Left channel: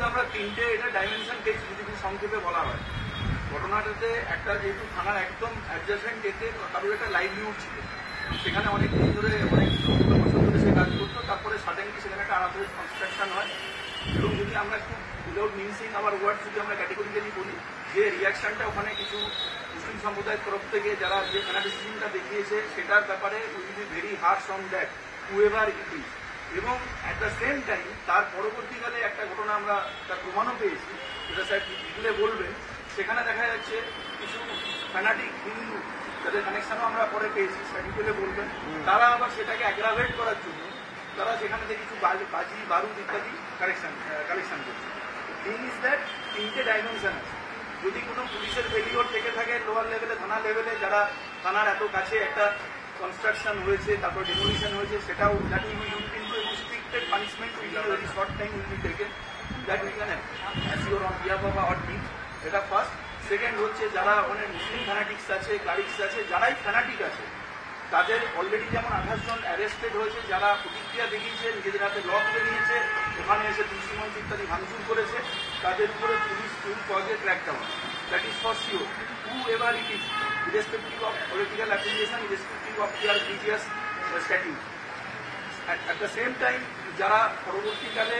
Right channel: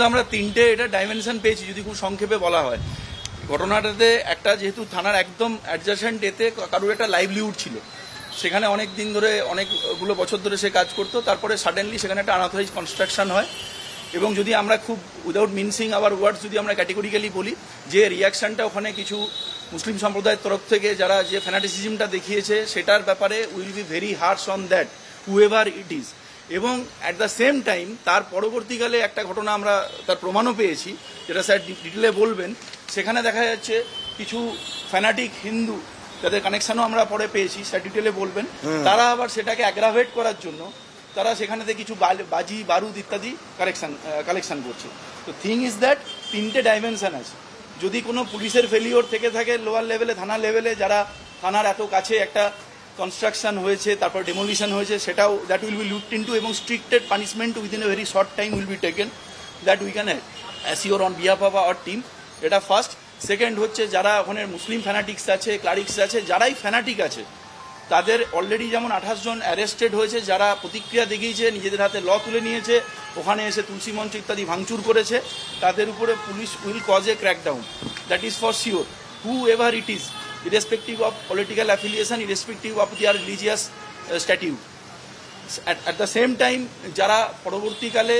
প্রথমত আমরা তিনটে এটা ডাইমেনশন পেয়েছি যদি খুব সংক্ষেপে বলা হয়। ঘটনাটাতে একটা যেহেতু থানার একদম অ্যাডজাসেন্ট এতে কারোর একটা লাইভলিহুড ছিল, সেখানে অনেক দিন ধরে অনেকগুলো বছর ধরে সে কাজ করতো, তারপরে সাডেনলি সেখানে একটা আনঅথরাইজ কনস্ট্রাকশন হয় এবং যদি আমরা খুব উইদাউট মিনসিং আওয়ার ওয়ার্ডস যদি আমরা ক্যাটেগরিক্যালি বলি যে রিয়াকশানটা ওখানে কিছু মুসলিম সম্প্রদায়ের তরফ থেকে যারা যে ফ্যানাটিসিজমটা দেখিয়েছে সেটার ব্যাপারে will be very harsh on that however it is. এবং অ্যাট দ্য সেম টাইম তার পরবর্তীকালে একটা ঘটনা আমরা তার প্রমাণও পেয়েছি, যেটা স্যার ডিটেলে বলবেন। সেখানে দেখা যাচ্ছে কিছু ফ্যানাটিক হিন্দু যাদের কানেকশানও আমরা পরে পেয়েছি, স্যার ডিটেলে বলবেন, তারা আবার সেটাকে অ্যাগ্রাভেট করার জন্য তারা সেখানেতে কিছু বাজি বারুদ ইত্যাদি কালেকশন করছে। তো থিং ইজ দ্যাট তিনটে ডাইমেনশন আছে। যদি কোনো পুলিশের ফেলিওর থেকে থাকে লোয়ার লেভেলে, থানা লেভেলে, যারা থানার এত কাছে একটা কনস্ট্রাকশন হয়েছে তারপর ডেমোলিশন হয়েছে, সেটাও that will be looked into এবং stricted punishment within a very short time will be taken, that we can assure on behalf of our team. এটা ফার্স্ট। সেকেন্ড হচ্ছে যারা ওখানে মুসলিম ফ্যানাটিক্স আছে, ক্লারিক্স আছে, যারাই ফ্যানাটিক আছে তাদের অলরেডি যেমন 28 জন অ্যারেস্টেড হয়েছে, যারা প্রতিক্রিয়া দেখিয়েছে, নিজেদের হাতে ল তুলে নিয়েছে, ওখানে এসে তুলসী মঞ্চ ইত্যাদি ভাঙচুর করেছে, তাদের উপরে police will cause A crackdown, that is for sure, who ever it is, irrespective of political affiliation, irrespective of দিয়ার religious statute. At the same time যারা পরবর্তীকালে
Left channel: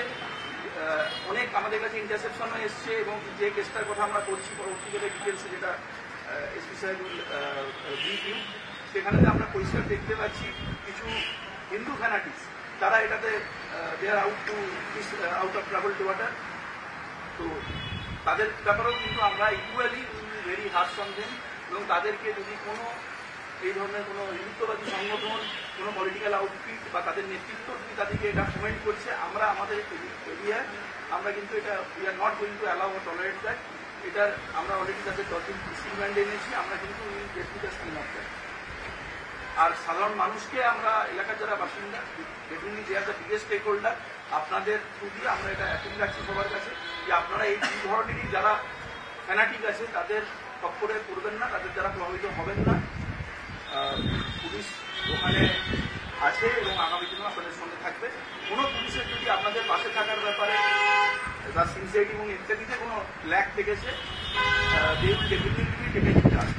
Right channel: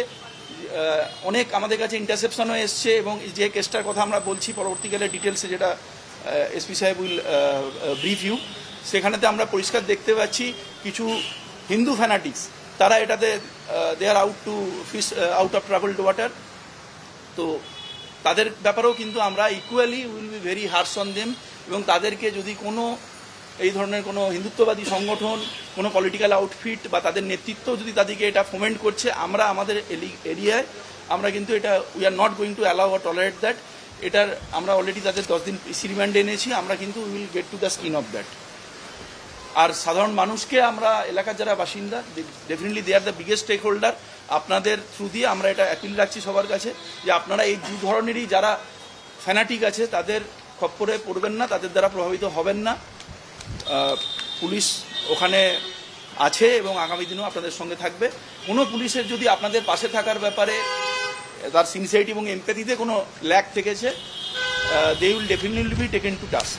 অনেক আমাদের কাছে ইন্টারসেপশনও এসছে এবং যে কেসটার কথা আমরা বলছি পরবর্তীকালে ডিটেলসে, যেটা এসপি সাহেব উইল ব্রিফ ইউ, সেখানেতে আমরা পরিষ্কার দেখতে পাচ্ছি কিছু হিন্দু ফ্যানাটিক্স তারা এটাতে they are out to fish out of troubled water. তো তাদের ব্যাপারেও কিন্তু আমরা equally will be very harsh on them এবং তাদেরকে যদি কোনো এই ধরনের কোনো হিন্দুত্ববাদী সংগঠন, কোনো পলিটিক্যাল আউটফিট বা তাদের নেতৃত্ব যদি তাদেরকে এটা ফোমেন্ট করছে, আমরা আমাদের এরিয়ায় আমরা কিন্তু এটা we are not going to allow আর টলারেট দ্যাট। এটার আমরা অলরেডি তাদের 10 দিন রিমান্ডে এনেছি, আমরা কিন্তু will get to the skin of that. আর সাধারণ মানুষকে আমরা এলাকার যারা বাসিন্দা, definitely they are the biggest stakeholder, আপনাদের থ্রু দিয়ে আমরা এটা অ্যাপিল রাখছি সবার কাছে যে আপনারা এই দু ধরনেরই যারা ফ্যানাটিক আছে তাদের খপ্পরে পড়বেন না, তাদের দ্বারা প্রভাবিত হবেন না। পুলিশ ওখানে আছে এবং আগামী দিনেও আপনাদের সঙ্গে থাকবে। কোনো পুলিশের যদি আপনাদের পাশে থাকার ব্যাপারে তার সিনসিয়ারিটি এবং এমপ্যাথিতে কোনো ল্যাক থেকেছে, they will definitely be taken to task.